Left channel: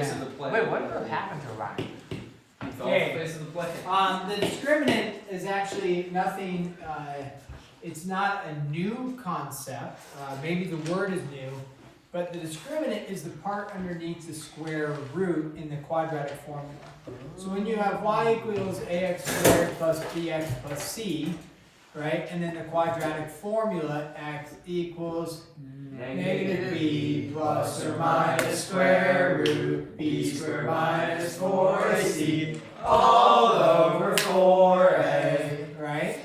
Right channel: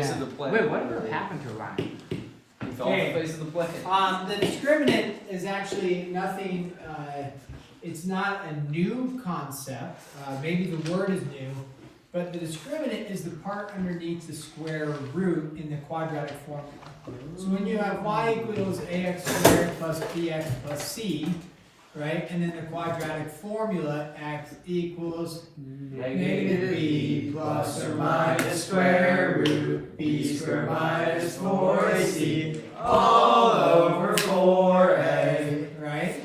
facing the plane. Wait, what happened to Ryan? He fell Okay. facing the plane. The discriminant is actually nothing, it's not a new concept. Maybe the word is new, but the discriminant is the part underneath the square root in the quadratic formula. So when you have y equals ax squared plus bx plus c, right, and then the quadratic formula x equals negative b plus or minus square root b squared minus 4ac all over 4a, right?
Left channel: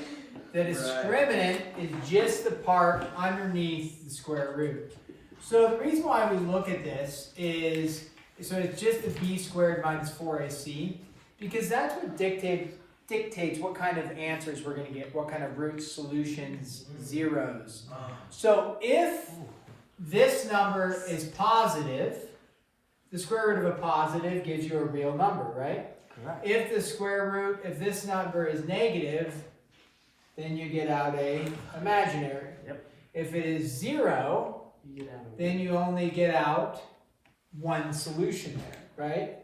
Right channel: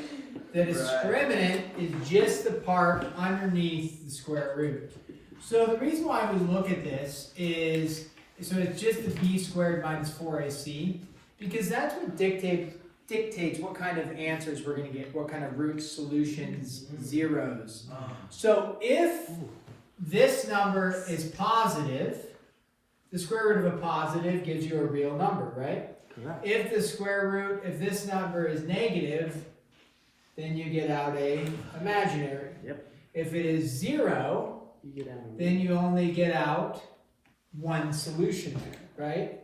The discriminant is just the part underneath the square root. So the reason why we look at this is, so it's just the b squared minus 4ac, because that's what dictates what kind of answers we're going to get, what kind of roots, solutions, zeros. So if this number is positive, the square root of a positive gives you a real number, right? Correct. If the square root, if this number is negative, then you get out a imaginary. Yep. If it is 0, then you only get out one solution there, right?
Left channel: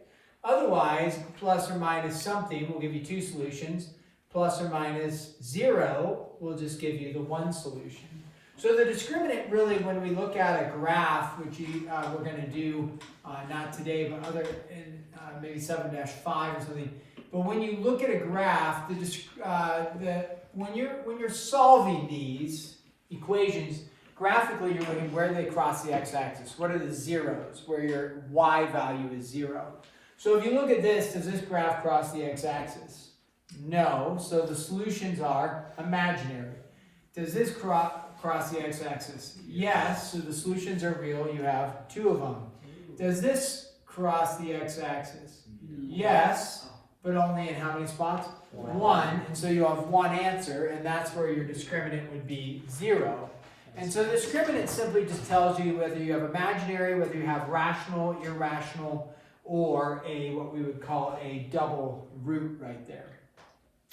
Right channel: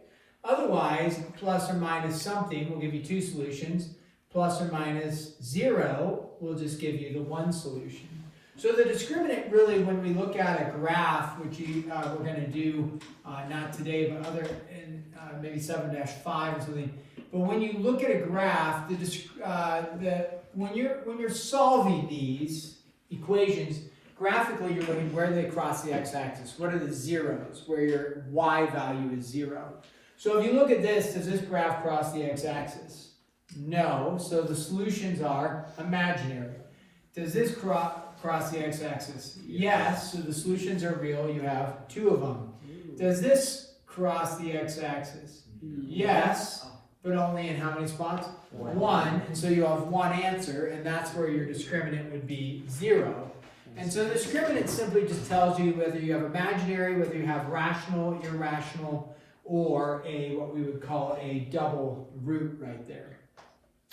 Otherwise, plus or minus something will give you two solutions. Plus or minus 0 will just give you the one solution. So the discriminant really, when we look at a graph, which we're going to do not today, but other in maybe 7-5 or something. But when you look at a graph, when you're solving these equations, graphically you're looking where they cross the x-axis. What are the zeros? Where your y value is 0. So if you look at this, does this graph cross the x-axis? No. So the solutions are imaginary. Does this cross the x-axis? Yes. So the solutions are real. You have two of them. Does this cross the x-axis? Yes. But only in how many spots? One. And so you have one answer, and that's where your discriminant would be 0. And so the discriminant simply just tells you whether you have imaginary, whether you have rational, irrational, or what we would call a double root right there.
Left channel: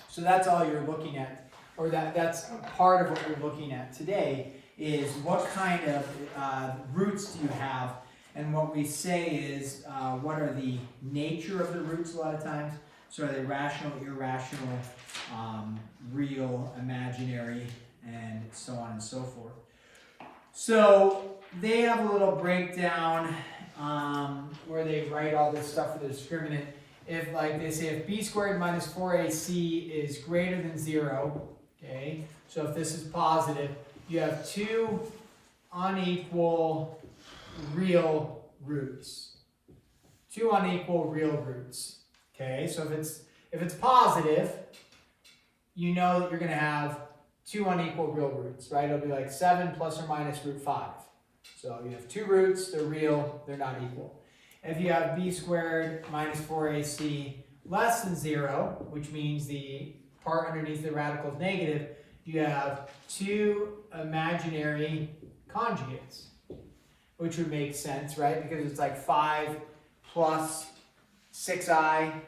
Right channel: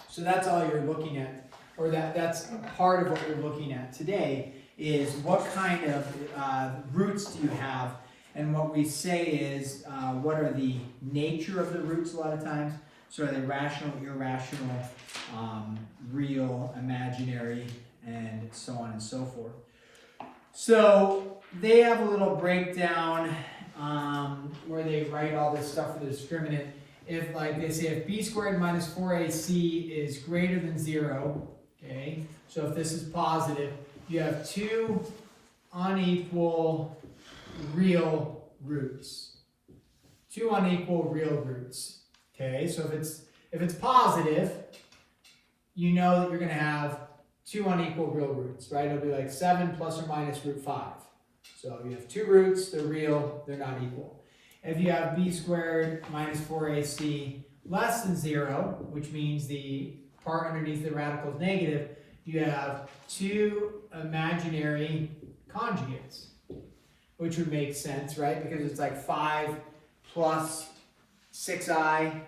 So that's all you're looking at, or that's part of what you're looking at today, is what kind of roots do you have, and what we say is what are the nature of the roots a lot of times. So are they rational, irrational, real, imaginary, and so on and so forth. So they have a little breakdown where they write all this stuff for the discriminant. If, like they say, if b squared minus 4ac is greater than 0, okay, so if this is positive, you have two unequal real roots. Two unequal real roots. Okay, so if it's positive, you know that you're going to have two unequal real roots, right? It'll be like 7 plus or minus root 5. So you have two roots, they're real, they're not equal. If you have b squared minus 4ac less than 0, which means the part underneath the radical is negative, you have two imaginary conjugates, which would make sense, right? Because it's like 5 plus 6i,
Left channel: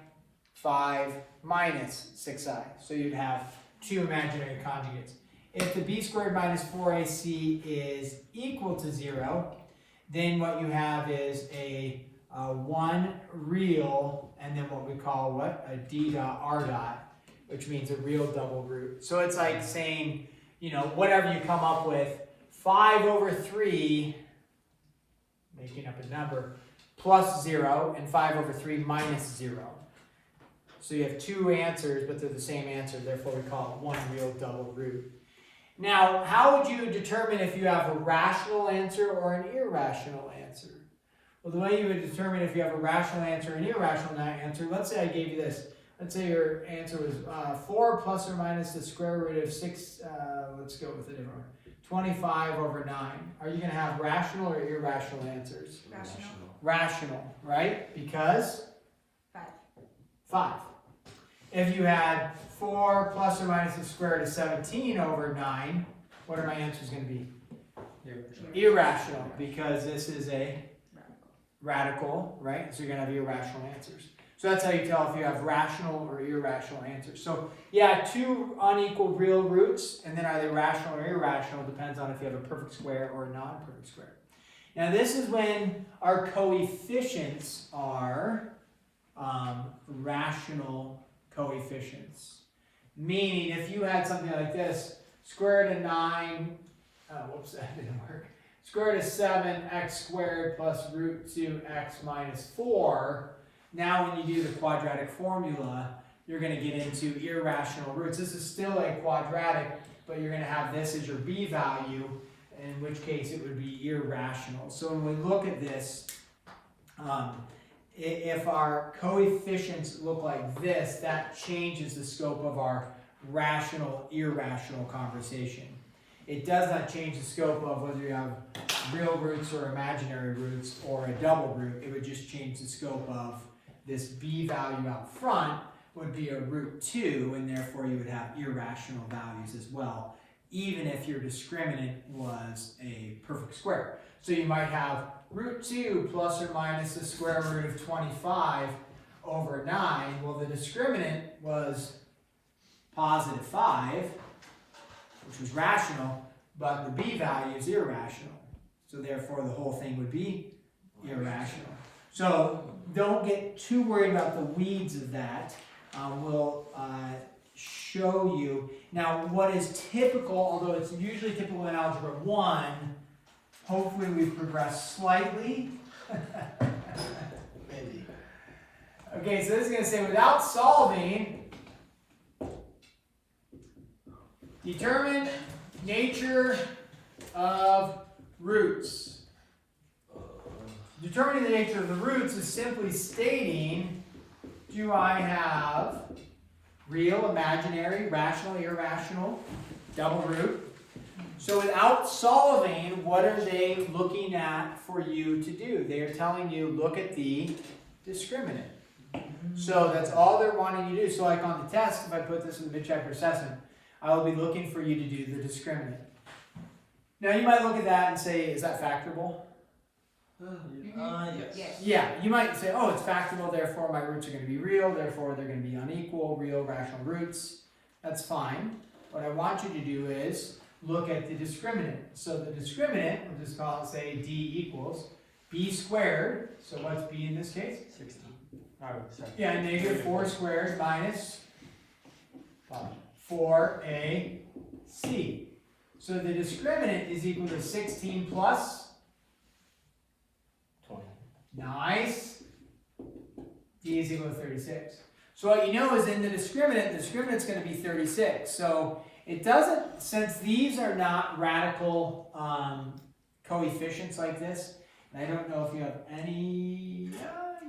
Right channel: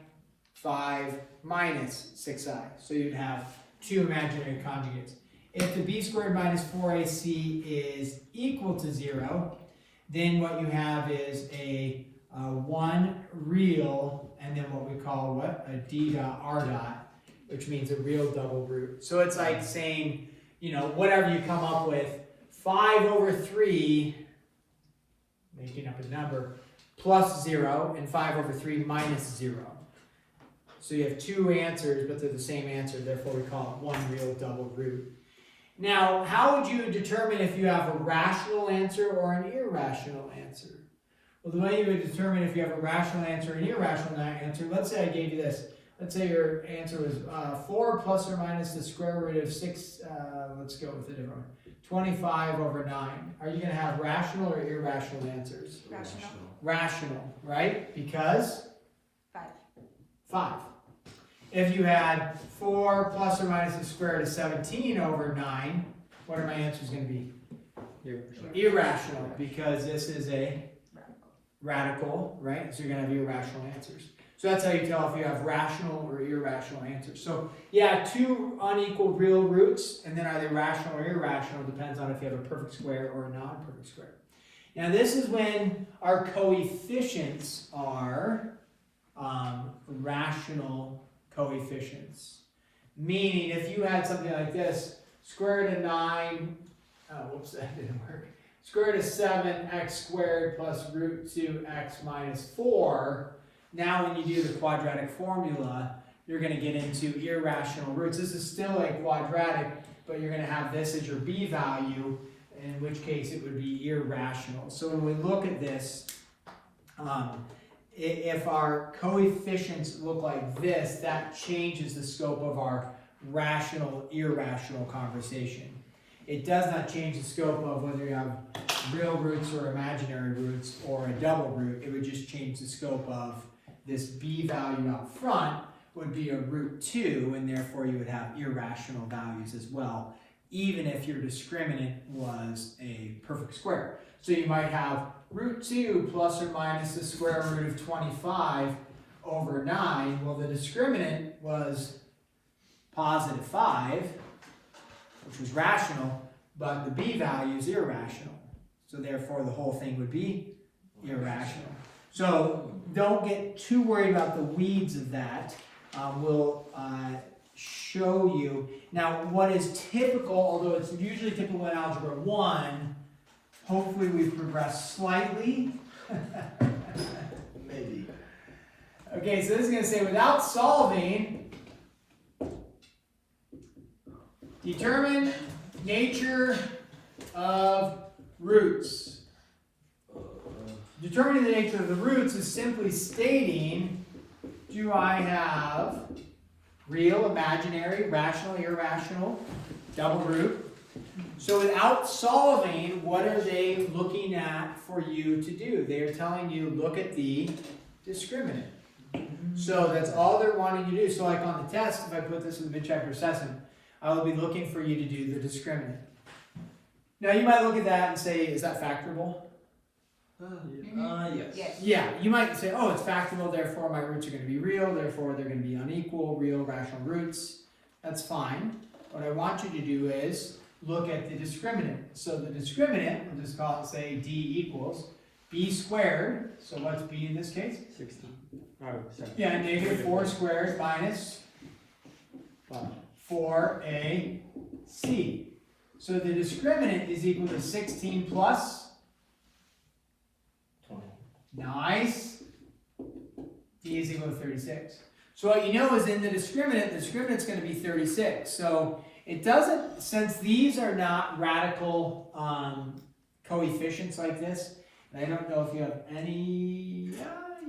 5 minus 6i. So you'd have two imaginary conjugates. If the b squared minus 4ac is equal to 0, then what you have is a 1 real, and then what we call what? A d dot r dot, which means a real double root. So it's like saying, you know, whatever you come up with, 5 over 3, making up a number, plus 0, and 5 over 3 minus 0. So you have two answers, but they're the same answer, therefore we call it one real double root. Now, how would you determine if you have a rational answer or an irrational answer? Well, the way you would determine if you have a rational answer or an irrational answer, let's say I gave you this. Let's say your answer was 4 plus or minus the square root of 6, let's go with a different one, 25 over 9. Are you going to have rational or irrational answers? Rational. Rational, right? Because? 5. 5. If you had 4 plus or minus the square root of 17 over 9, what are my answers going to be? Irrational, because this is a radical, right? So you're going to have irrational answers. So that's how you tell if you have rational or irrational answers. So yeah, two unequal real roots, and then are they rational or irrational? Depends on if you have a perfect square or a non-perfect square. Now this is when our coefficients are rational coefficients. Meaning if you had something like this, square root of 9, whoops, that didn't work. Square root of 7x squared plus root 2x minus 4. Now when you do the quadratic formula, you're going to get into irrational roots. This is still a quadratic, but you're going to have this as your b value, in which case it would be irrational. So when we look at this, if our coefficients look like this, that changes the scope of our rational, irrational conversation. It does not change the scope of whether you have real roots or imaginary roots or a double root. It would just change the scope of this b value out front would be a root 2, and therefore you would have irrational values as well, even if your discriminant was a perfect square. So you might have root 2 plus or minus the square root of 25 over 9. Well, the discriminant was positive 5, which was rational, but the b value is irrational. So therefore the whole thing would be irrational. So don't get too worried about the weeds of that. We'll show you. Now what is typical, although it's usually typical in Algebra 1, hopefully we've progressed slightly. Maybe. Okay, so this is going to say without solving, determine nature of roots. Determining the nature of the roots is simply stating, do I have real, imaginary, rational, irrational, double root? So without solving, what are they looking at for you to do? They are telling you, look at the discriminant. So that's all they're wanting you to do. So like on the test, if I put this in the mid-chapter assessment, I will be looking for you to do the discriminant. Now you might look at that and say, is that factorable? Yes. Yeah, you might say, oh, it's factorable, therefore my roots are going to be real, therefore they're going to be unequal, real, rational roots. That's fine. What I want you to do is look at the discriminant. So the discriminant, we'll just call it, say, d equals b squared. So what's b in this case? 16. Yeah, negative 4 squared minus 4ac. So the discriminant is equal to 16 plus 20. Nice. D is equal to 36. So what you know is in the discriminant's going to be 36. So it doesn't, since these are not radical coefficients like this, and I don't know if you have any,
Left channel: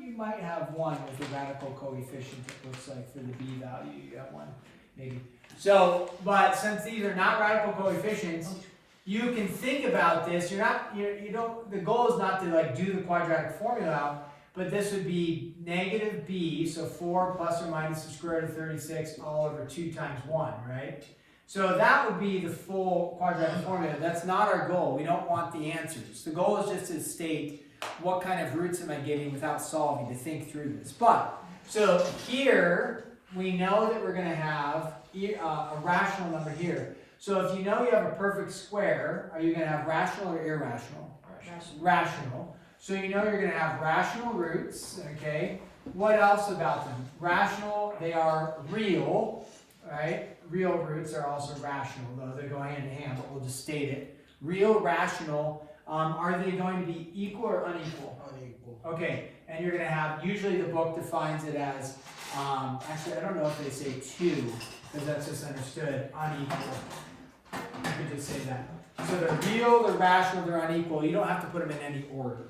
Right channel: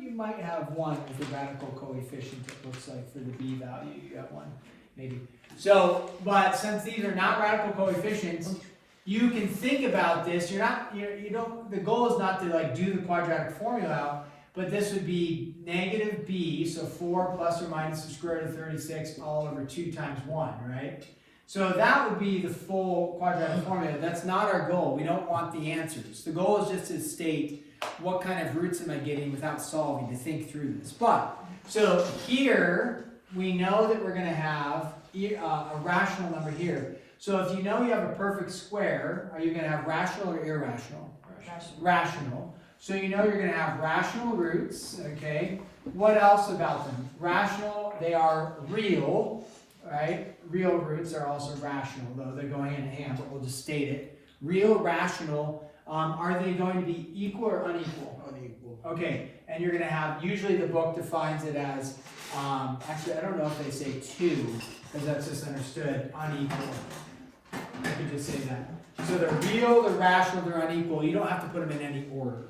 you might have one as a radical coefficient, it looks like, for the b value. You have one, maybe. So, but since these are not radical coefficients, you can think about this. You don't, the goal is not to like do the quadratic formula, but this would be negative b, so 4 plus or minus the square root of 36 all over 2 times 1, right? So that would be the full quadratic formula. That's not our goal. We don't want the answers. The goal is just to state what kind of roots am I getting without solving, to think through this. But, so here, we know that we're going to have a rational number here. So if you know you have a perfect square, are you going to have rational or irrational? Rational. So you know you're going to have rational roots, okay? What else about them? Rational, they are real, right? Real roots are also rational, though they're going hand in hand, but we'll just state it. Real, rational, are they going to be equal or unequal? Unequal. Okay, and you're going to have, usually the book defines it as, actually I don't know if they say 2, because that's just understood, unequal. I could just say that. So they're real, they're rational, they're unequal. You don't have to put them in any order.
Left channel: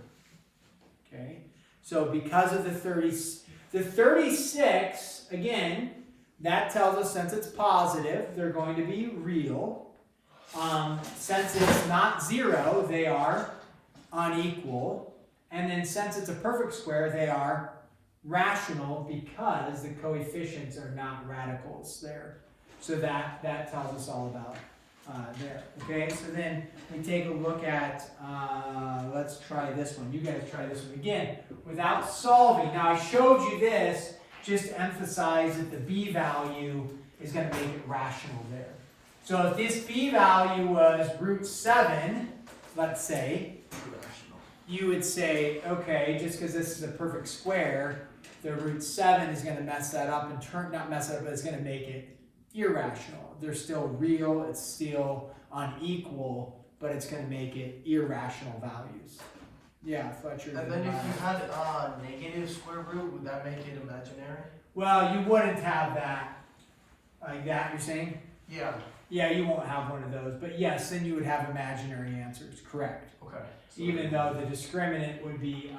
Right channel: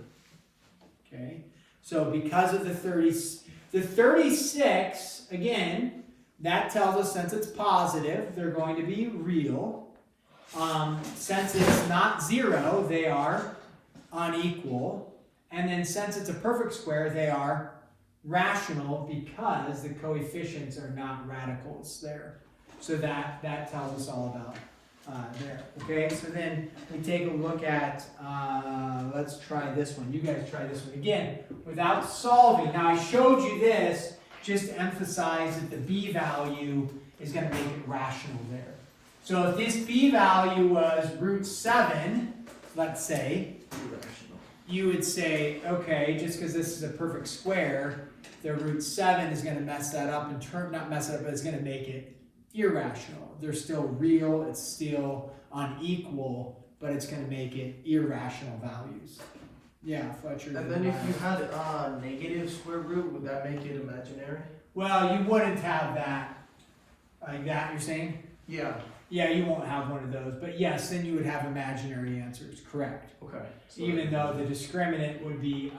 Okay? So because of the 36, again, that tells us since it's positive, they're going to be real. Since it's not 0, they are unequal. And then since it's a perfect square, they are rational because the coefficients are not radicals there. So that tells us all about there. Okay, so then we take a look at, let's try this one. You guys try this one. Again, without solving. Now I showed you this just to emphasize that the b value is going to make it rational there. So if this b value was root 7, let's say, you would say, okay, just because this is a perfect square, the root 7 is going to mess that up and not mess it up, but it's going to make it irrational. They're still real, it's still unequal, but it's going to make it irrational values. Yeah, Fletcher. And then if you had a negative square root, would that make it imaginary? Well, you wouldn't have that, like that, you're saying? Yeah. Yeah, you won't have one of those, but yes, then you would have imaginary answers, correct. Okay. So even though the discriminant would be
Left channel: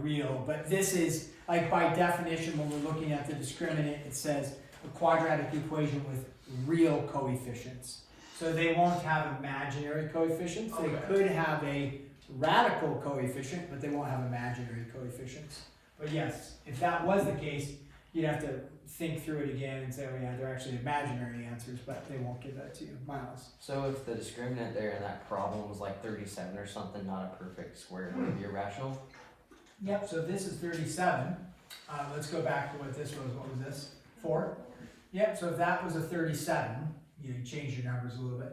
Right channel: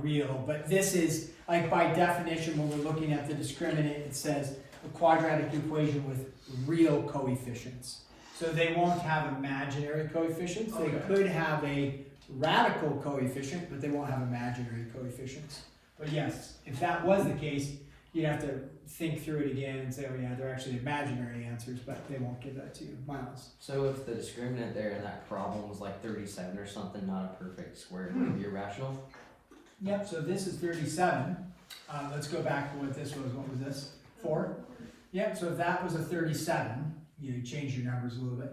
real, but this is, like by definition, when we're looking at the discriminant, it says a quadratic equation with real coefficients. So they won't have imaginary coefficients. They could have a radical coefficient, but they won't have imaginary coefficients. But yes, if that was the case, you'd have to think through it again and say, oh yeah, they're actually imaginary answers, but they won't give that to you. Miles? So if the discriminant there in that problem was like 37 or something, not a perfect square, it would be irrational? Yep, so this is 37. Let's go back to what this was. What was this? 4? Yep, so if that was a 37, you change your numbers a little bit.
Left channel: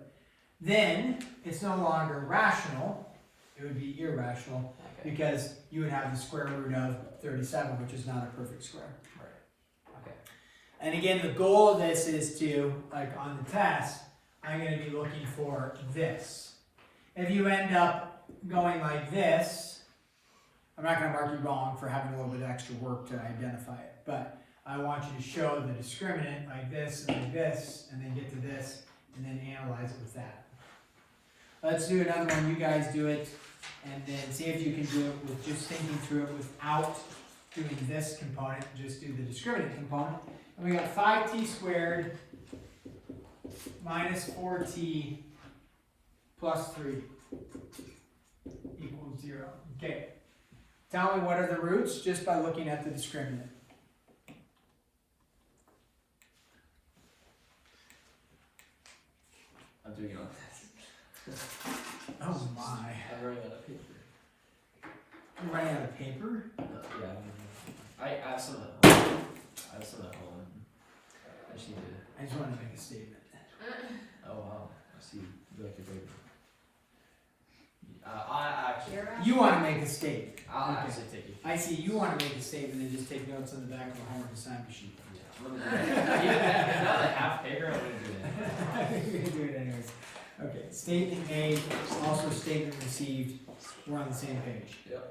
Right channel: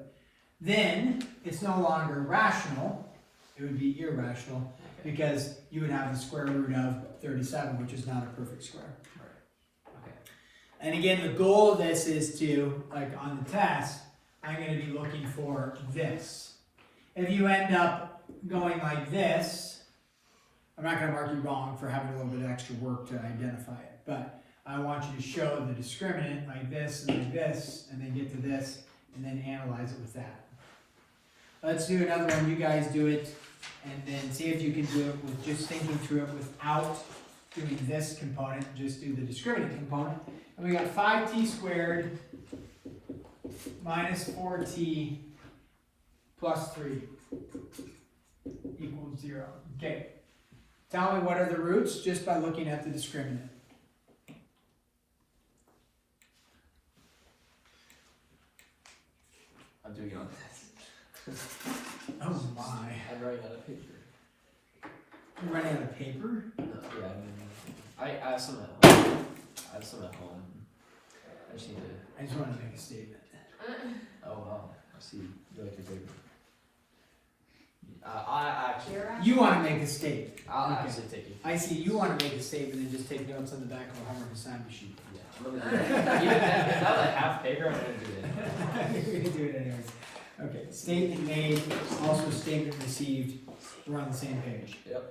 Then it's no longer rational, it would be irrational, because you would have the square root of 37, which is not a perfect square. And again, the goal of this is to, like on the test, I'm going to be looking for this. If you end up going like this, I'm not going to mark you wrong for having a little bit of extra work to identify it, but I want you to show the discriminant like this, and then get to this, and then analyze it with that. Let's do another one. You guys do it, and then see if you can do it with just thinking through it without doing this component. Just do the discriminant component. And we got 5t squared minus 4t plus 3 equals 0. Okay. Tell me what are the roots just by looking at the discriminant. I'm doing it on this. Oh my. I'm running out of paper. You're running out of paper? Yeah. I have some at home. I just need to. I just want to make a statement. Oh wow. I see. You like your paper. I actually. You want to make a statement. I'll Okay. actually take you. I see you want to make a statement and just take notes on the back of a homework assignment sheet. Yeah. I'm gonna do that. Even that, now that I have paper, I'm gonna do that. You're gonna do it anyways. Okay. Statement made, also statement received. We're on the same page. Yep.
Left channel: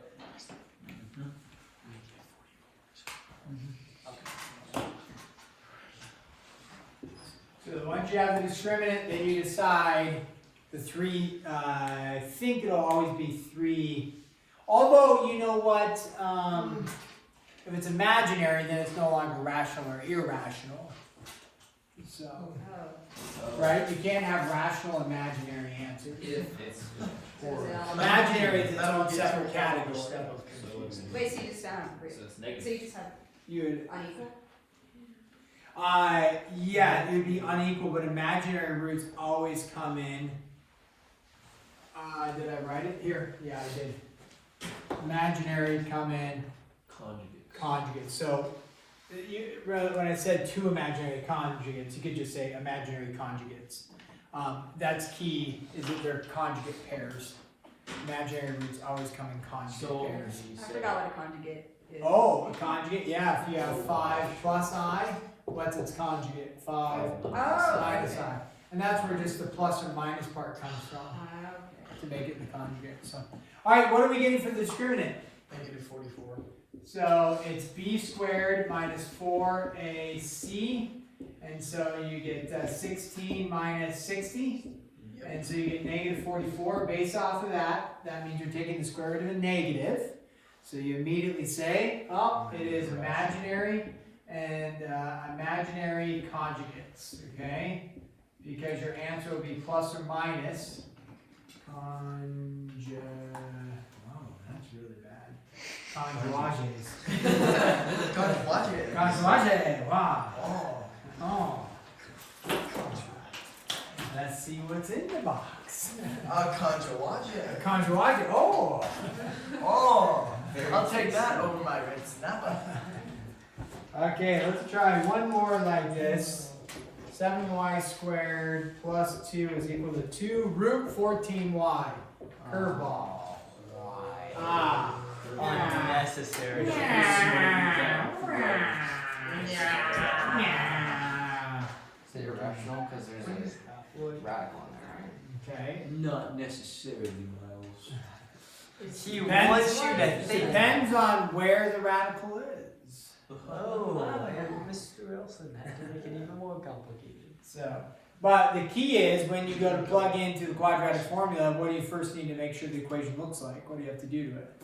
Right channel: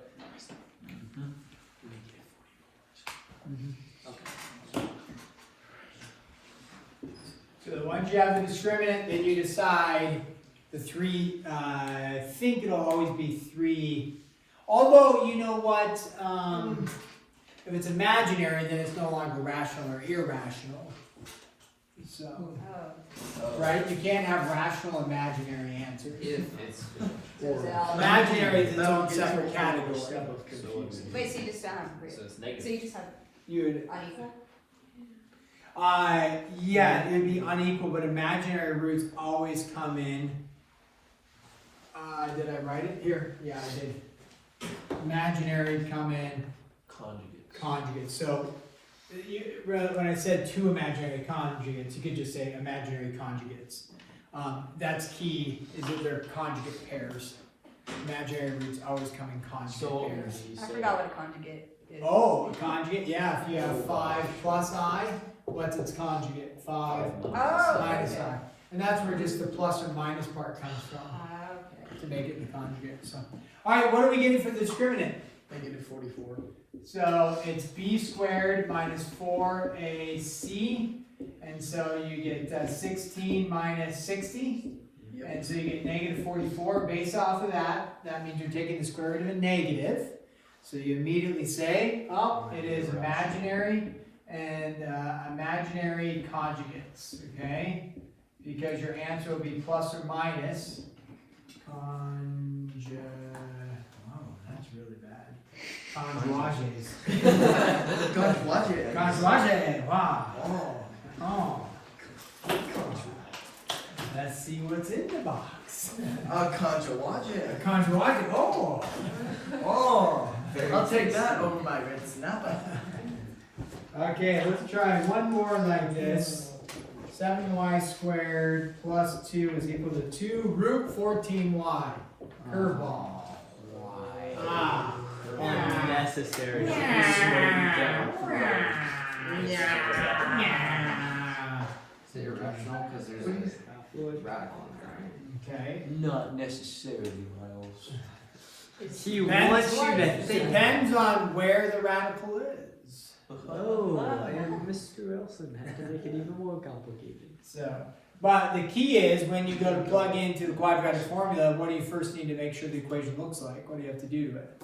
So once you have the discriminant, then you decide the 3, I think it'll always be 3. Although, you know what, if it's imaginary, then it's no longer rational or irrational. So, right? You can't have rational imaginary answers. If it's. Imaginary is its own separate category. Wait, so you just found. So it's So negative. you just had You would, unequal? yeah, it would be unequal, but imaginary roots always come in. Did I write it? Here, yeah, I did. Imaginary come in conjugates. So, when I said 2 imaginary conjugates, you could just say imaginary conjugates. That's key, is that they're conjugate pairs. Imaginary roots always come in conjugate pairs. I forgot what a conjugate is. Oh, a conjugate, yeah, if you have 5 plus I, what's its conjugate? 5 minus I. And that's where just the plus or minus part comes from, Okay. to make it the conjugate. So, alright, what are we getting for the discriminant? Negative 44. So it's b squared minus 4ac, and so you get 16 minus 60, and so you get negative 44. Based off of that, that means you're taking the square root of a negative. So you immediately say, oh, it is imaginary and imaginary conjugates, okay? Because your answer will be plus or minus oh, that's really bad. Conjugates. Conjugates, wow. Oh. Let's see what's in the box. Conjugated. Conjugate, oh. Oh. I'll take that over my rinse now. Okay, let's try one more like this. 7y squared plus 2 is equal to 2 root 14y. Curveball. Ah. Unnecessary. Nah. Is it irrational? Because there's a radical in there, right? Okay. Not necessarily, Miles. Depends on where the radical is. Oh, Mr. Wilson had to make it even more complicated. So, but the key is when you go to plug into the quadratic formula, what do you first need to make sure the equation looks like? What do you have to do to it?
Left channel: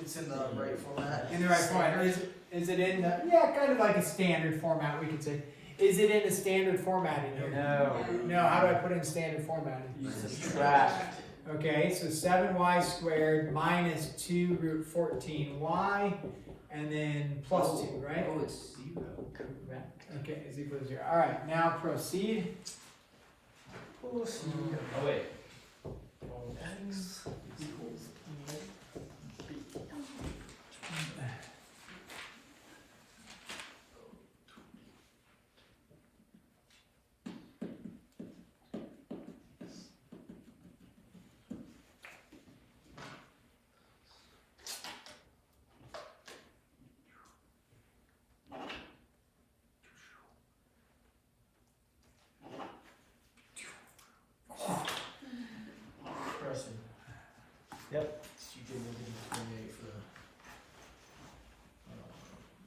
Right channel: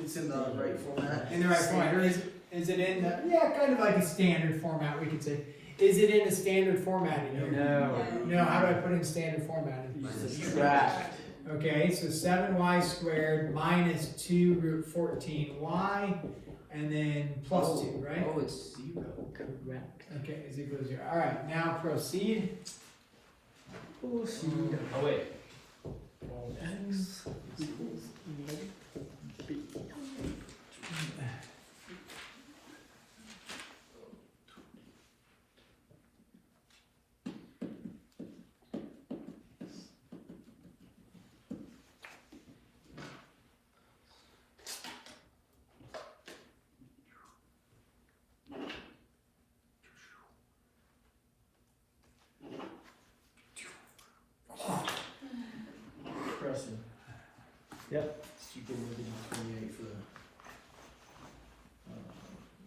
It's in the right format. In the right format. Is it in the, yeah, kind of like a standard format, we could say. Is it in a standard format in here? No, how do I put in standard format? You subtract. Okay, so 7y squared minus 2 root 14y, and then plus 2, right? Oh, it's 0. Correct. Okay, is equal to 0. Alright, now proceed. Oh, wait. X equals negative b. Preston. Yep. You can look at 28 for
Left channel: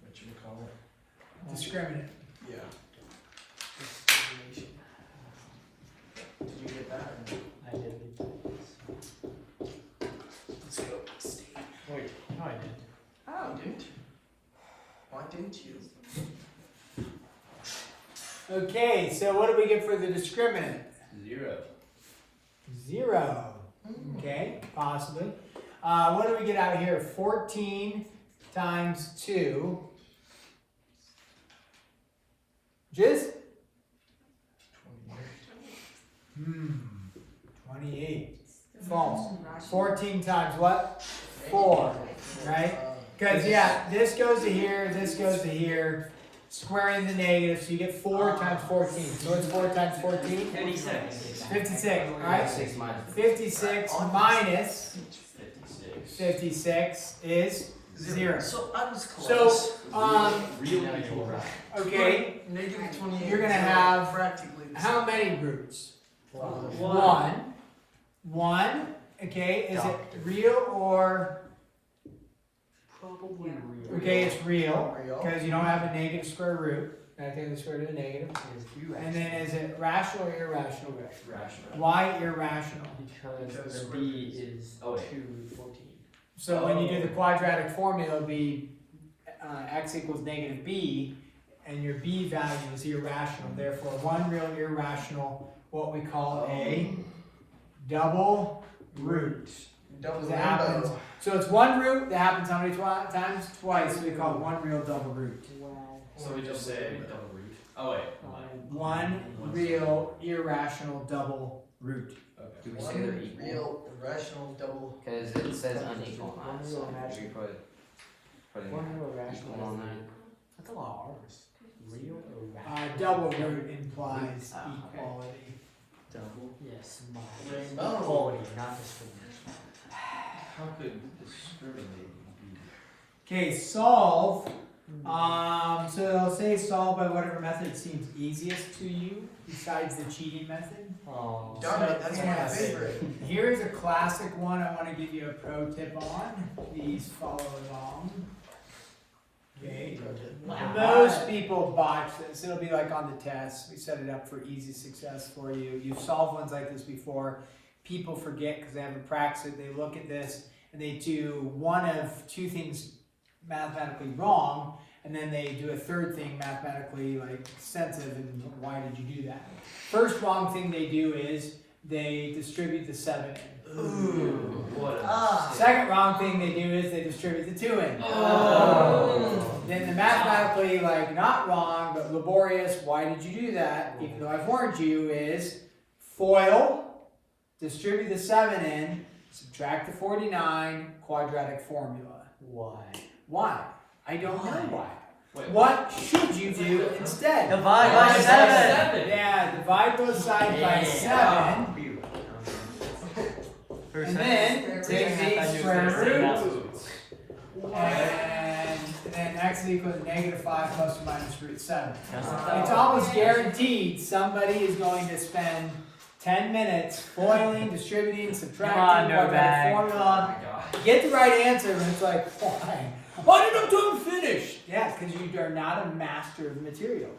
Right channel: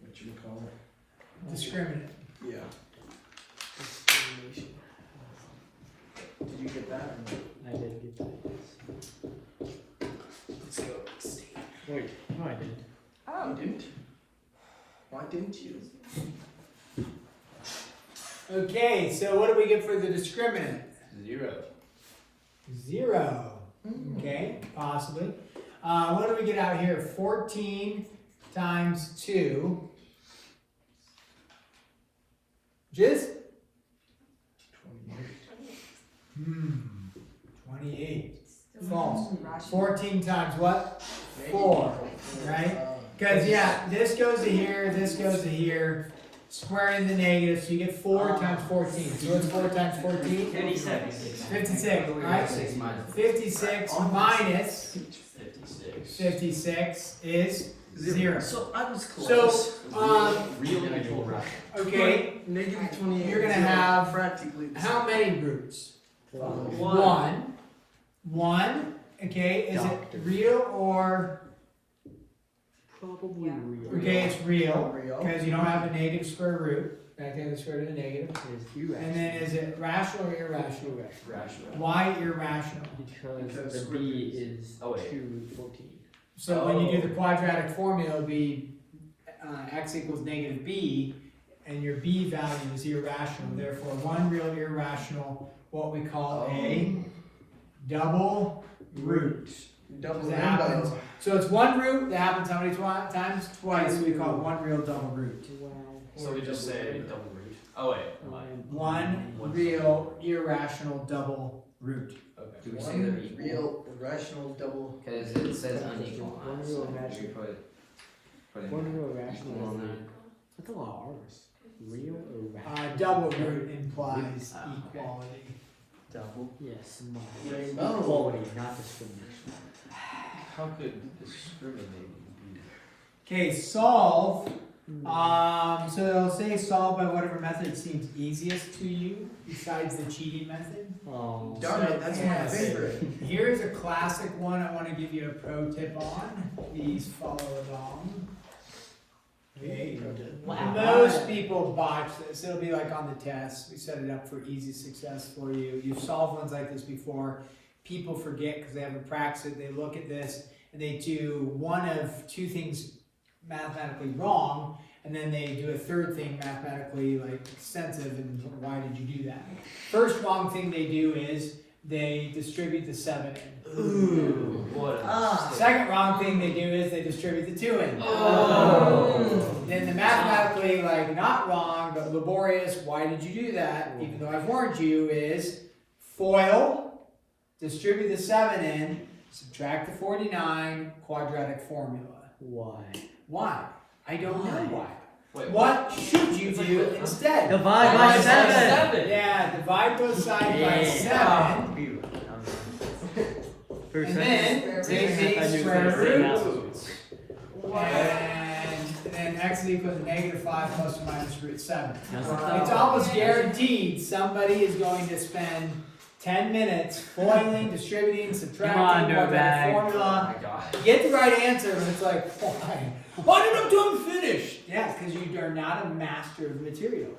what you call it. Discriminant. Yeah. Discrimination. Did you get that? I did get this. Let's go. Wait, no I did. Oh, you didn't? Why didn't you? Okay, so what do we get for the discriminant? 0. 0. Okay, possibly. What do we get out here? 14 times 2. Just? 28. False. 14 times what? 4. Right? Because, yeah, this goes to here, this goes to here. Squaring the negative, so you get 4 times 14. So what's 4 times 14? 56. 56, right? 6 minus 56 minus 56. 56 is 0. So I was close. So, Real equal right. okay, Negative 28. You're gonna have practically the how same. many groups? One. One, okay, is it real or, Probably real. okay, it's real, Real. because you don't have a negative square root, I think the square root of the negative. And then is it rational or irrational? Rational. Why irrational? Because the b is 2 root 14. So when you do the quadratic formula, it'll be x equals negative b, and your b value is irrational. Therefore, one real irrational, what we call a double root. Double That happens. So it's one root that happens how many times? Twice. We call it one real double root. So we just say double root. Oh wait. One real irrational double root. Do we Okay. say they're equal? Real, irrational, double. Because it says unequal on it, so we putting One real equal rational. on there. That's a lot of R's. Real or rational? Double root implies Ah, okay. equality. Double. Yes, Oh. equality, not discrimination. How could discriminating be? Okay, solve. So they'll say solve by whatever method seems easiest to you, besides the cheating method. Oh. Darn it, that's my Yes. favorite. Here's a classic one I want to give you a pro tip on. Please follow along. Okay. Wow. Most people botch this. It'll be like on the test. We set it up for easy success for you. You've solved ones like this before. People forget because they haven't practiced it. They look at this and they do one of two things mathematically wrong, and then they do a third thing mathematically like extensive. And why did you do that? First wrong thing they do is they distribute the 7 in. Ooh, what a mistake. Second wrong thing they do is they distribute the 2 in. Oh. Then the mathematically like not wrong but laborious, why did you do that? Even though I've warned you, is FOIL, distribute the 7 in, subtract the 49, quadratic formula. Why? Why? I don't know why. Wait, What should you do instead? Divide by by 7. Yeah, divide both sides by 7. And then take the square root. Ooh. And then x is equal to -5 plus or minus root 7. It's almost guaranteed somebody is going to spend 10 minutes foiling, distributing, subtracting, quadratic Oh formula. my god. Get the right answer, and it's like, why? Why did I finish? Yeah, because you are not a master of the material.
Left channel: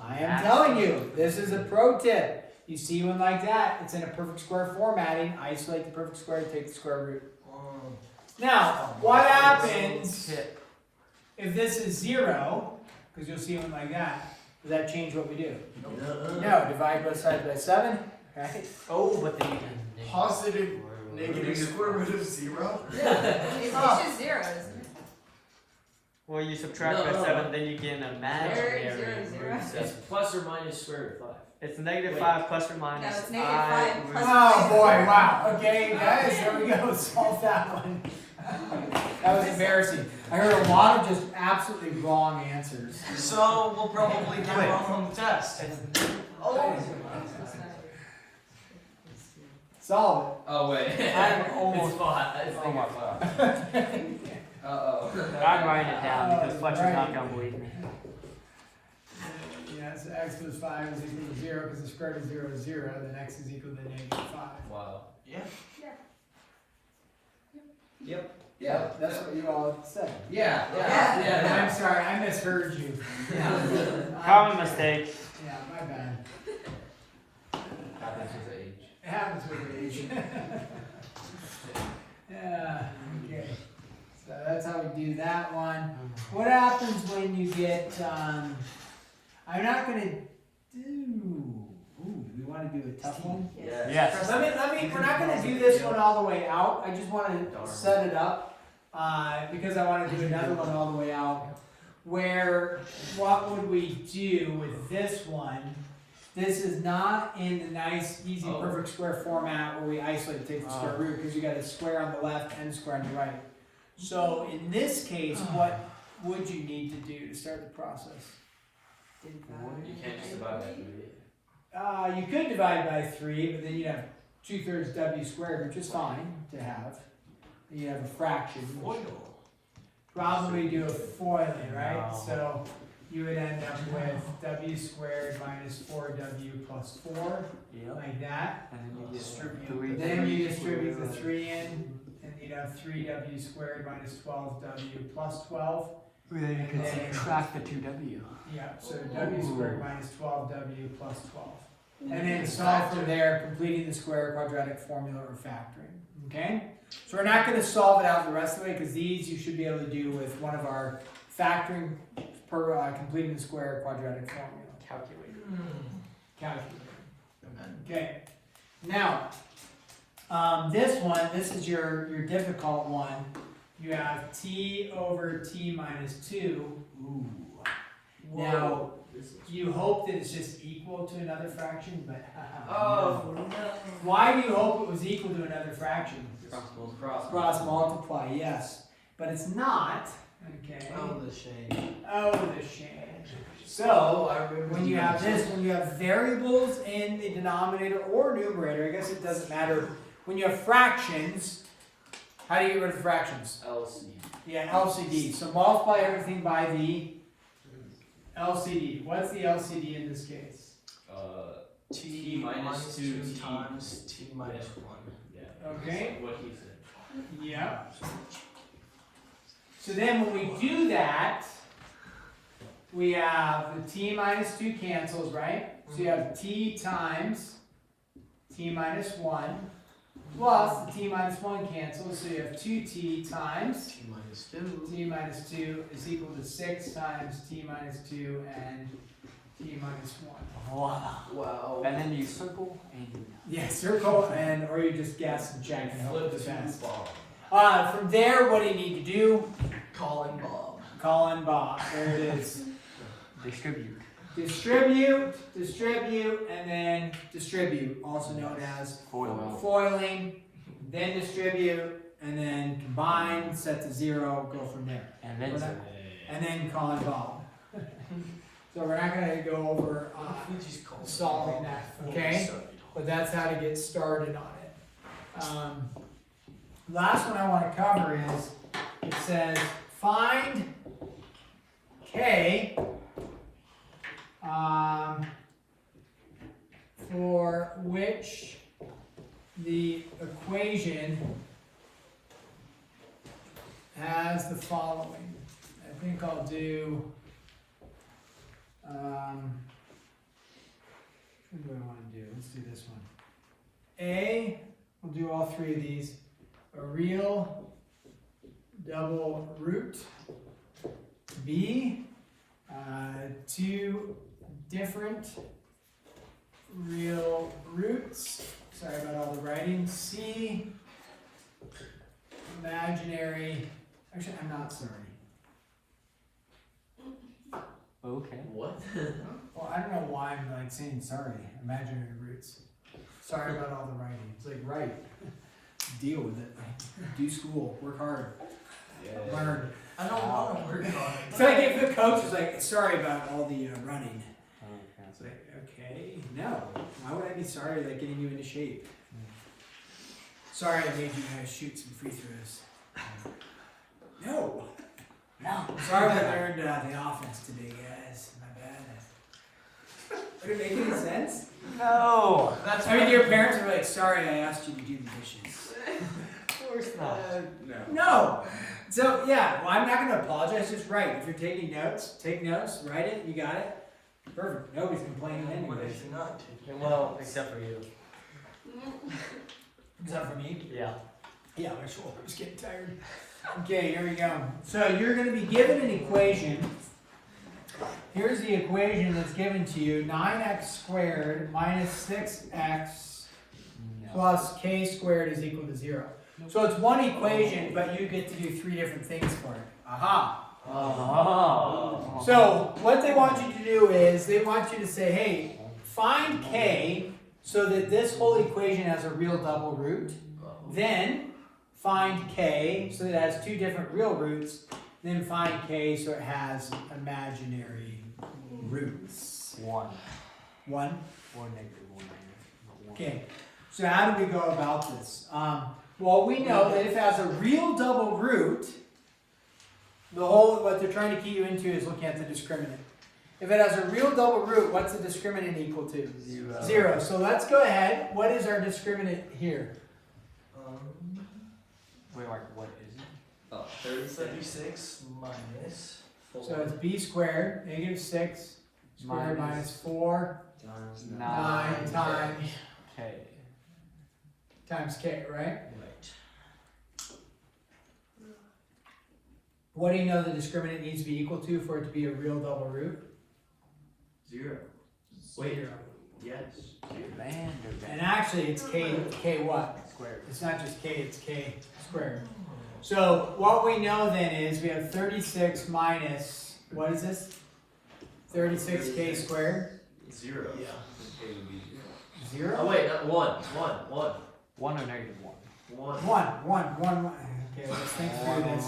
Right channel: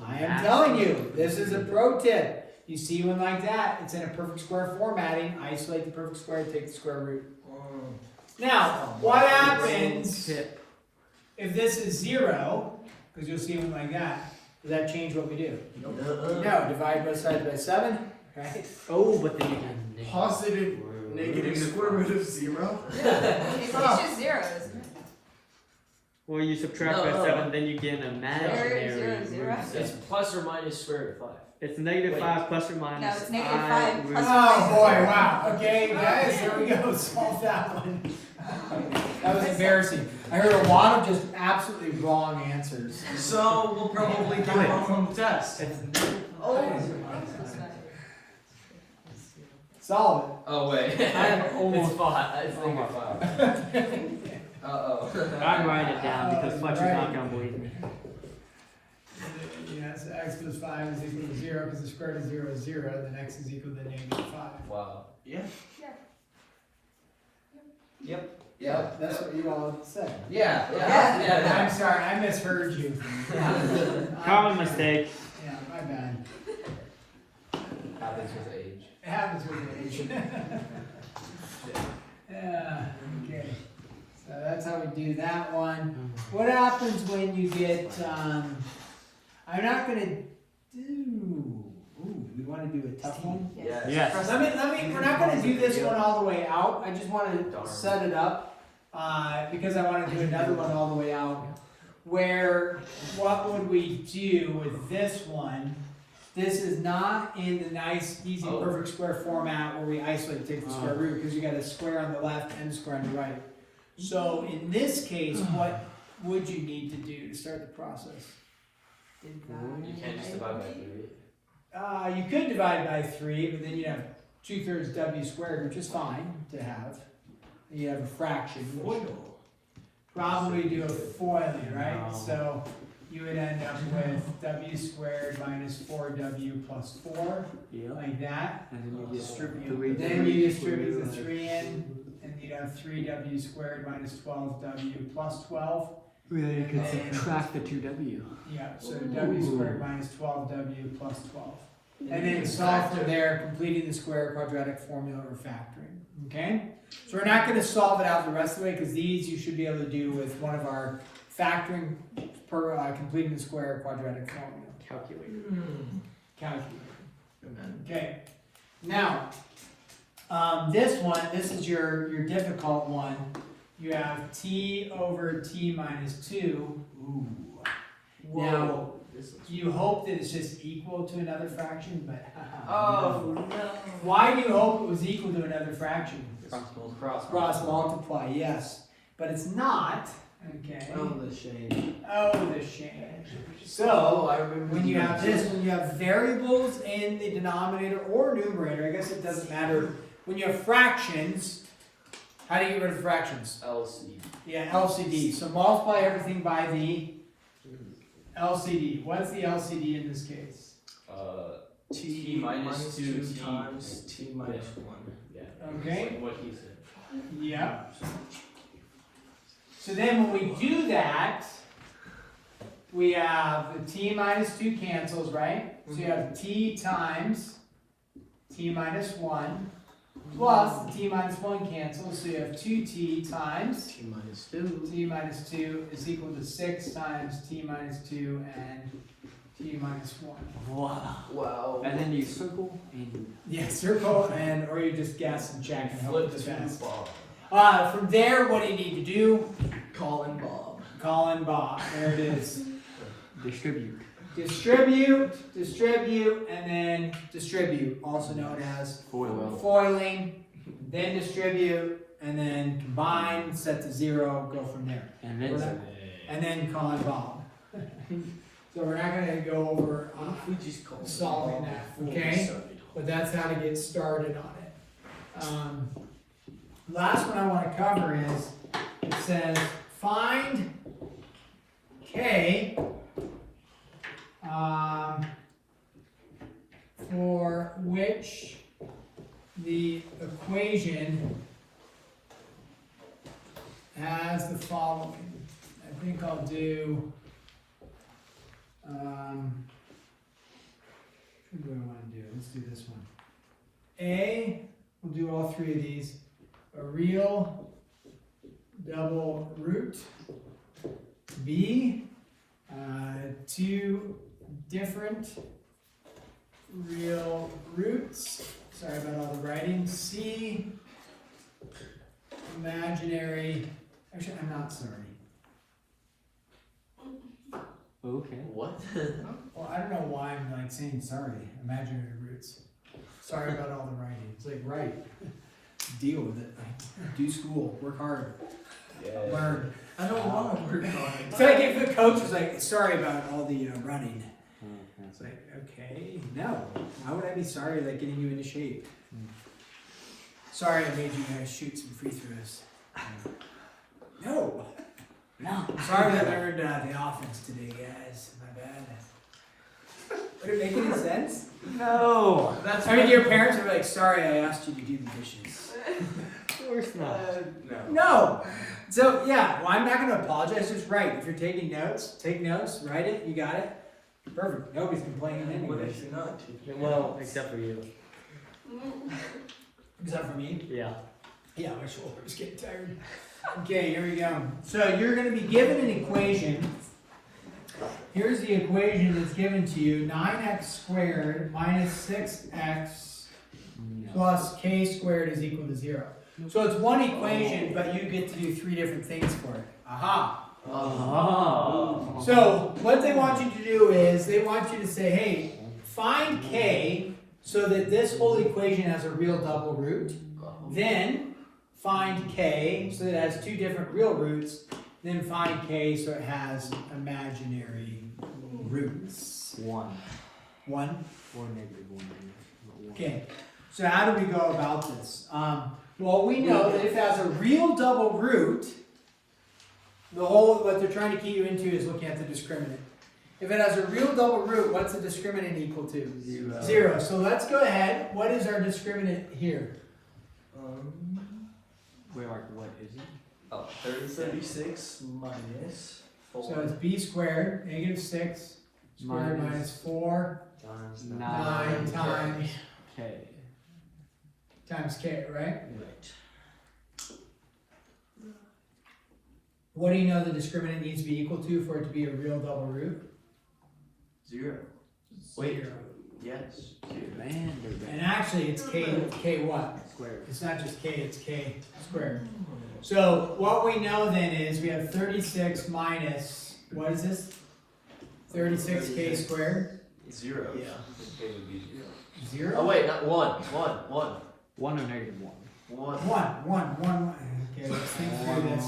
I am telling you, this is a pro tip. You see one like that, it's in a perfect square formatting. Isolate the perfect square, take the square root. Now, what happens if this is 0? Because you'll see one like that. Does that change what we do? No, divide both sides by 7, right? Oh, but the Positive, negative square root of 0? It's just zeros. well, you subtract No, by no. 7, then you get an imaginary Zero, zero, root. It's plus or minus square root of 5. It's -5 plus or minus. No, it's -5 I plus- root Oh boy, wow. Okay, guys, here we go. Solve that one. That was embarrassing. I heard a lot of just absolutely wrong answers. So we'll probably do it on the test. Solve Oh wait. I'm almost- It's 5. It's -5. it. Uh-oh. I'm writing it down because Fletcher's Right. not gonna believe me. Yeah, so x plus 5 is equal to 0 because the square root of 0 is 0, then x is equal to -5. Wow. Yeah. Yep. Yeah, that's what you all said. Yeah, I'm sorry, I misheard you. Common mistake. Yeah, my bad. Happens with age. It happens with age. Yeah, okay. So that's how we do that one. What happens when you get, I'm not gonna do, we wanna do a tough one? Yes. Yes. We're not gonna do this one all the way out. I just wanna set it up, because I wanna do another one all the way out. Where, what would we do with this one? This is not in the nice, easy, Oh. perfect square format where we isolate, take the square root, because you got a square on the left and a square on the right. So in this case, what would you need to do to start the process? You can't just divide by 3. You could divide by 3, but then you have 2/3 w squared, which is fine to have. And you have a fraction. Which probably do a foiling, right? So you would end up with w squared minus 4w plus 4, Yeah. like that. And then you Distribute. Then you distribute the 3 in, and you'd have 3w squared minus 12w plus 12. Then you can subtract the 2w. Yeah, so w squared minus 12w plus 12. And then solve from there, completing the square quadratic formula or factoring. Okay? So we're not going to solve it out the rest of it because these you should be able to do with one of our factoring per completing the square quadratic formula. Calculator. Okay. Now, this is your difficult one. You have t over t minus 2. Ooh. Now, you hope that it's just equal to another fraction, but Oh, no. why do you hope it was equal to another fraction? Cross. Cross multiply, yes, but it's not. Okay. Oh, the shame. Oh, the shame. Oh, So I remember. when you have this, when you have variables in the denominator or numerator, I guess it doesn't matter. When you have fractions, how do you get rid of fractions? LC. Yeah, LCD. So multiply everything by the LCD. What's the LCD in this case? T minus 2 t times t minus 1. Yeah. Okay. What he said. Yeah. So then when we do that, we have the t minus 2 cancels, right? So you have t times t minus 1 plus the t minus 1 cancels. So you have 2t times T minus 2. t minus 2 is equal to 6 times t minus 2 and t minus 1. Wow. Wow. And then you circle and Yeah, circle and or you just guess and check and hope Flip for the the best. ball. From there, what do you need to do? Colin Bob. Call in Bob. There it is. distribute. Distribute, and then distribute, also known as foiling, then distribute, and then combine, set to 0, go from there. And We're not- then And then call in Bob. So we're not gonna go over We just call solving that, okay? But that's how to get started on it. Last one I want to cover is, it says find K for which the equation has the following. I think I'll do, what do I want to do? Let's do this one. A, we'll do all three of these. A real double root. B, two different real roots. Sorry about all the writing. C, imaginary. Actually, I'm not sorry. Okay. What? Well, I don't know why I'm like saying sorry. Imaginary roots. Sorry about all the writing. It's like, right. Deal with it. Do school. Work hard. Yeah. Learn. I don't want to work on it. It's like if the coach was like, sorry about all the running. It's like, okay, no. Why would I be sorry like getting you into shape? Sorry I made you guys shoot some free throws. No. No. Sorry I learned the offense today, guys. My bad. Would it make any sense? No. That's I mean, your parents are like, sorry I asked you to do the dishes. Of course not. No. So, yeah, well, I'm not going to apologize. Just write. If you're taking notes, take notes, write it. You got it. Perfect. Nobody's complaining anyways. not to. Well, except for you. Except for me. Yeah. Yeah, my shoulder's getting tired. Okay, here we go. So you're going to be given an equation. Here's the equation that's given to you. 9x squared minus 6x plus k squared is equal to 0. So it's one equation, but you get to do three different things for it. Aha! So what they want you to do is they want you to say, hey, find k so that this whole equation has a real double root. Then find k so that it has two different real roots. Then find k so it has imaginary roots. One. One? Or negative one. Okay. So how do we go about this? Well, we know that if it has a real double root, what they're trying to key you into is looking at the discriminant. If it has a real double root, what's the discriminant equal to? 0. 0. So let's go ahead. What is our discriminant here? Wait, Mark, what is it? Oh, 36 minus 4. So it's b squared, negative 6, squared minus 4, 9 times K. times k, right? Right. What do you know the discriminant needs to be equal to for it to be a real double root? 0. Wait. 0. Yes. 0. And actually it's k what? Squared. It's not just k, it's k squared. So what we know then is we have 36 minus, what is this? 36k squared? 0. Yeah. K would be 0. 0? Oh wait, not 1. 1. 1 or negative 1? 1. 1. Okay, let's think through this.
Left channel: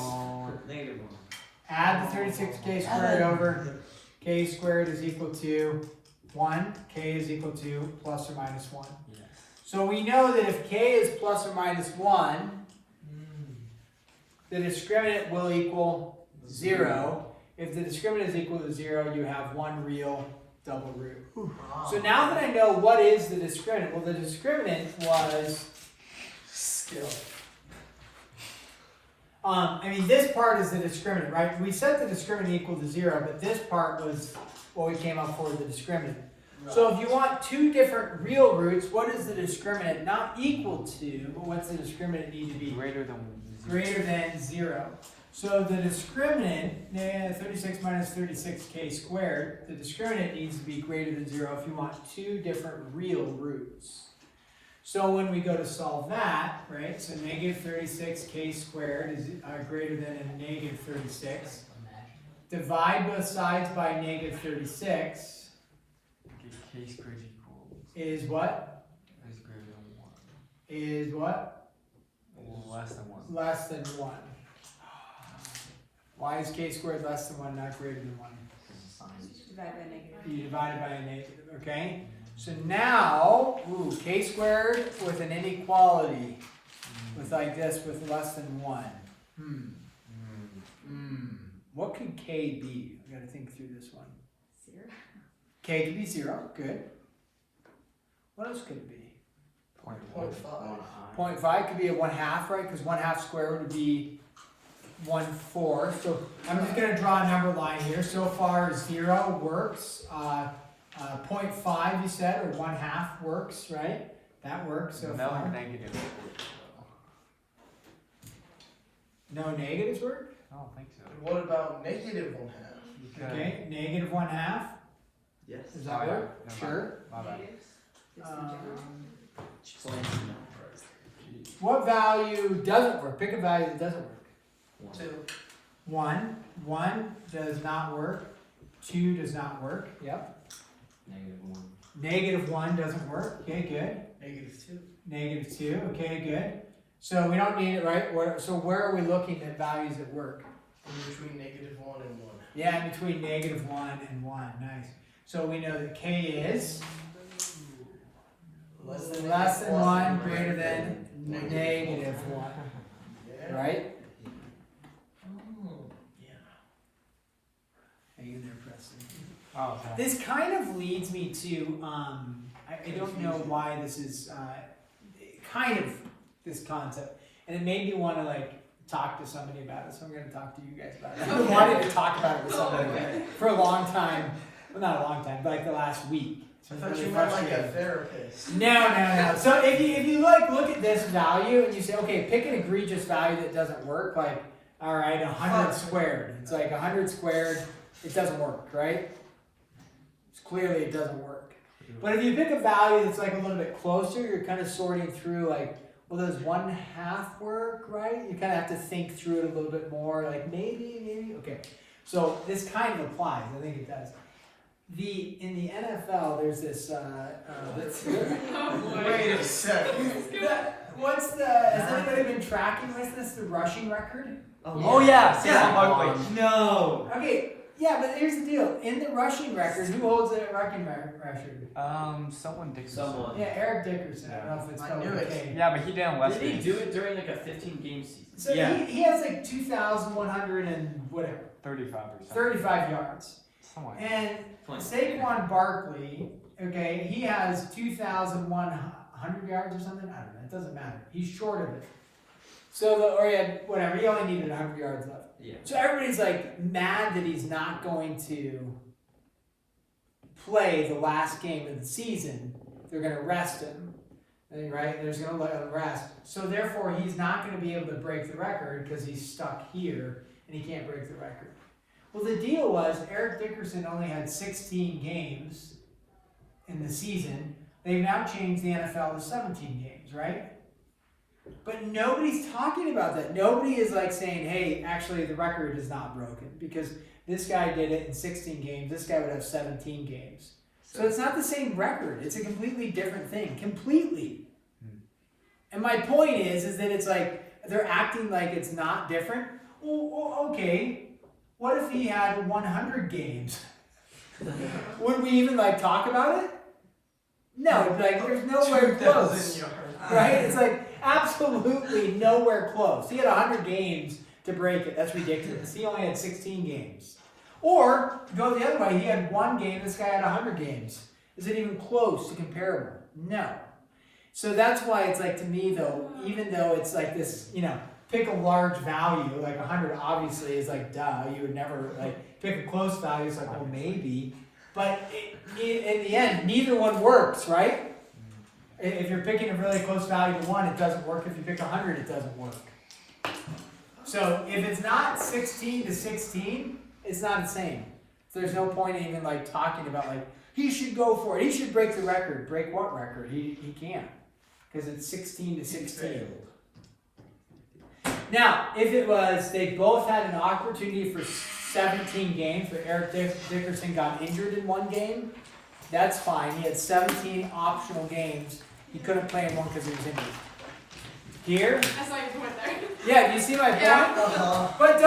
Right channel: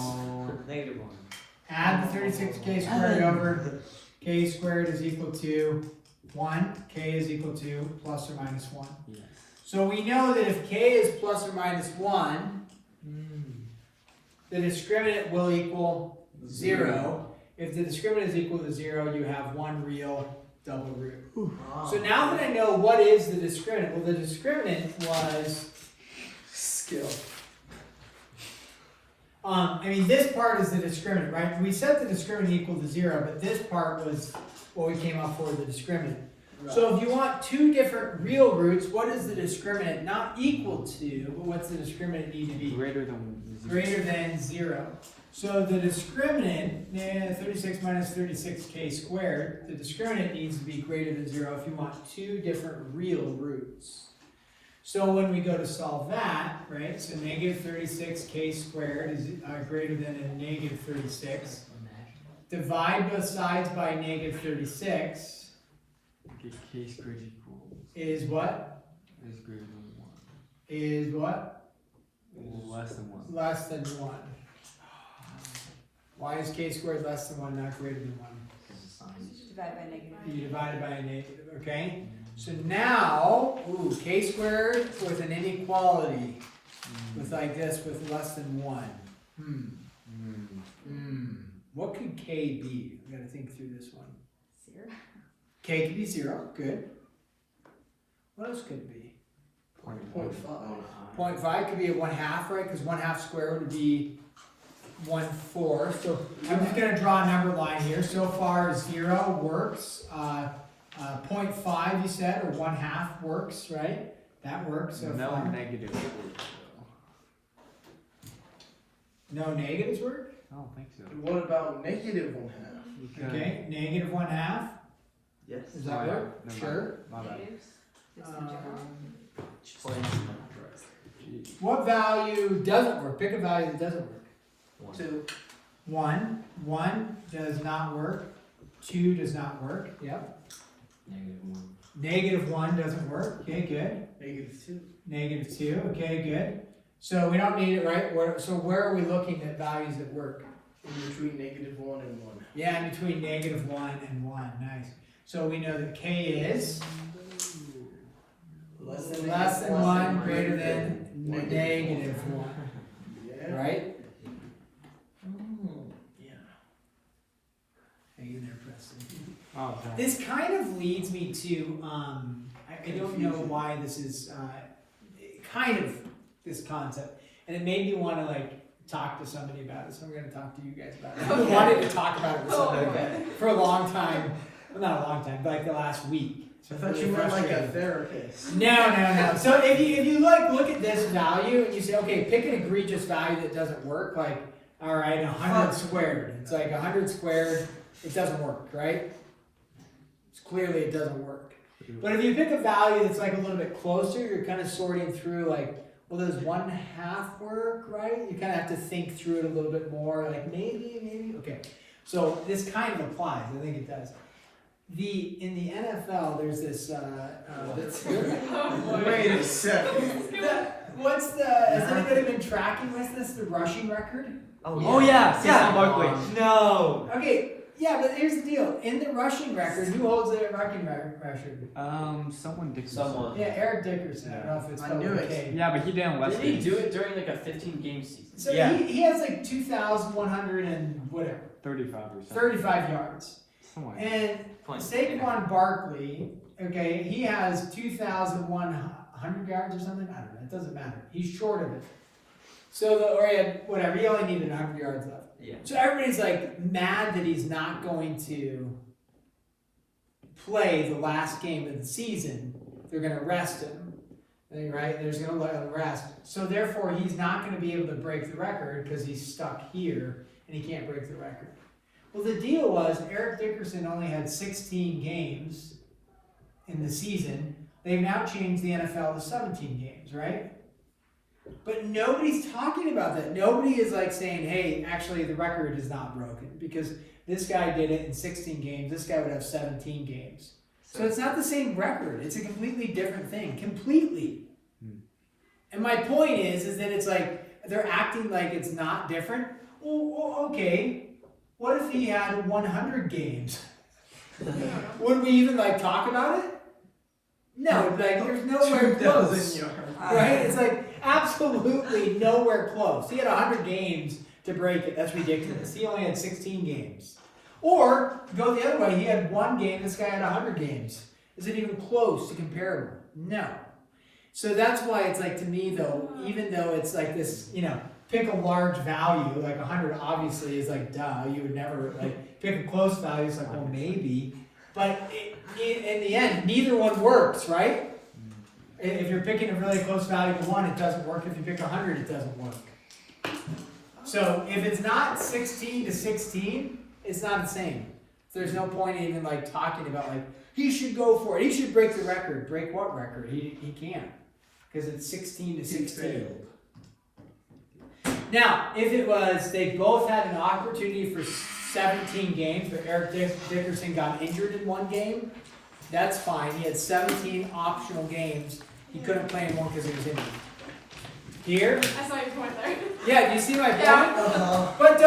Negative 1. Add the 36k squared over k squared is equal to 1. K is equal to plus or minus 1. Yes. So we know that if k is plus or minus 1, the discriminant will equal 0. If the discriminant is equal to 0, you have one real double root. So now that I know what is the discriminant, well, the discriminant was skill. I mean, this part is the discriminant, right? We set the discriminant equal to 0, but this part was what we came up for, the discriminant. So if you want two different real roots, what is the discriminant not equal to, but what's the discriminant need to be? Greater than 0. Greater than 0. So the discriminant, 36 minus 36k squared, the discriminant needs to be greater than 0 if you want two different real roots. So when we go to solve that, right, so negative 36k squared is greater than a negative 36. Divide both sides by negative 36 K squared equals is what? is greater than 1. Is what? Is less than 1. Less than 1. Why is k squared less than 1, not greater than 1? Because the sign is You divide it by a negative, okay? So now, k squared with an inequality. with like this with less than 1. What could K be? I gotta think through this one. 0. K could be 0, good. What else could it be? 0.5. 0.5 could be a 1/2, right? Because 1/2 squared would be 1/4. So I'm just gonna draw a number line here. So far 0 works. 0.5 you said, or 1/2 works, right? That works so No far. negative. No negatives work? I don't think so. What about negative 1/2? Okay, negative 1/2. Yes. Does that Oh, work? yeah. No, Sure. My bad. Negatives. What value doesn't work? Pick a value that doesn't work. 2. 1. 1 does not work. 2 does not work. Yep. -1. Negative 1 doesn't work. Okay, good. -2. Negative 2. Okay, good. So we don't need it, right? So where are we looking at values that work? In between -1 and 1. Yeah, in between -1 and 1. Nice. So we know that K is less than 1, greater than -1. Yeah. Right? Yeah. Hang in there, Preston. Oh, yeah. This kind of leads me to, I don't know why this is, kind of this concept, and it made me want to like talk to somebody about it, so I'm going to talk to you guys about it. I've been wanting to talk about it with somebody for a long time, well not a long time, but like the last week. So I it's thought really you were like a frustrating. therapist. No. So if you like look at this value and you say, okay, pick an egregious value that doesn't work, like, all right, 100 squared. It's like 100 squared, it doesn't work, right? It's clearly it doesn't work. But if you pick a value that's like a little bit closer, you're kind of sorting through like, well, does 1/2 work, right? You kind of have to think through it a little bit more, like maybe, okay. So this kind of applies, I think it does. In the NFL, there's this, Wait a second. has anybody been tracking this, the rushing record? Oh yeah, Yeah. Barkley. No. Okay, yeah, but here's the deal. In the rushing record, who holds the rushing record? Someone Dickerson. Someone. Yeah, Eric Dickerson. I don't know if it's I spelled knew with a it. K. Yeah, but he didn't West Did he Indies. do it during like a 15-game season? So he has like 2,100 and whatever, 35 or something. 35 yards. Somewhere. And Saquon Barkley, okay, he has 2,100 yards or something. I don't know. It doesn't matter. He's short of it. So he had whatever. He only needed 100 yards left. Yeah. So everybody's like mad that he's not going to play the last game of the season. They're going to rest him, right? They're just going to let him rest. So therefore, he's not going to be able to break the record because he's stuck here and he can't break the record. Well, the deal was Eric Dickerson only had 16 games in the season. They've now changed the NFL to 17 games, right? But nobody's talking about that. Nobody is like saying, hey, actually the record is not broken because this guy did it in 16 games. This guy would have 17 games. So it's not the same record. It's a completely different thing. Completely. And my point is that it's like they're acting like it's not different. Well, okay. What if he had 100 games? Would we even like talk about it? No, like there's nowhere close. Right? It's like absolutely nowhere close. He had 100 games to break it. That's ridiculous. He only had 16 games. Or go the other way. He had 1 game. This guy had 100 games. Is it even close to comparable? No. So that's why it's like to me though, even though it's like this, pick a large value, like 100 obviously is like duh. You would never like pick a close value. It's like well maybe, but in the end, neither one works, right? If you're picking a really close value to 1, it doesn't work. If you pick 100, it doesn't work. So if it's not 16 to 16, it's not the same. So there's no point in even like talking about like he should go for it. He should break the record. Break what record? He can't because it's 16 to 16. Now, if it was they both had an opportunity for 17 games, but Eric Dickerson got injured in 1 game, that's fine. He had 17 optional games. He couldn't play anymore because he was injured. Here? I saw your point there. Yeah, do you see my point? Yeah. But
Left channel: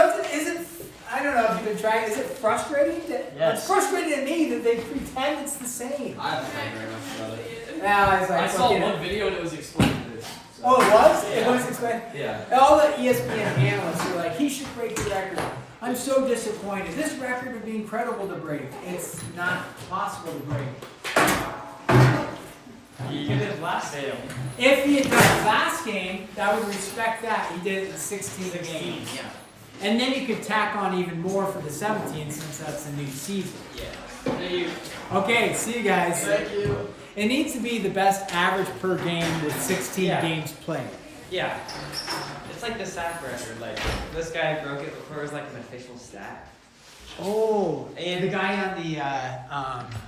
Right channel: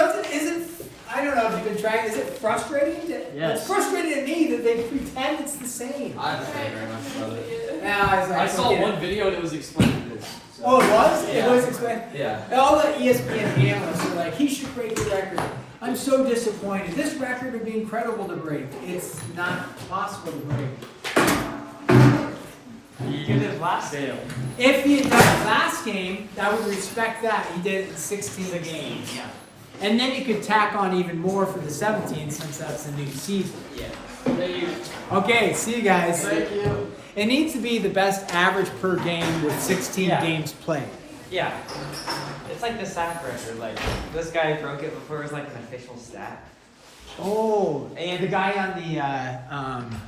I don't know if you've been trying, is it frustrating? Yes. It's frustrating to me that they pretend it's the same. I don't care very much about it. Yeah, I saw one video and it was explaining this. Oh, it was? It Yeah. was explained. Yeah. All the ESPN analysts are like, he should break the record. I'm so disappointed. This record would be incredible to break. It's not possible to break. You did it last game. If he had done it last game, I would respect that. He did it 16 games. Yeah. And then you could tack on even more for the 17 since that's a new season. Okay, see you guys. Thank you. It needs to be the best average per game with 16 Yeah. games played. Yeah. It's like the sack record. Like this guy broke it before it was like an official stat. Oh, and the guy on the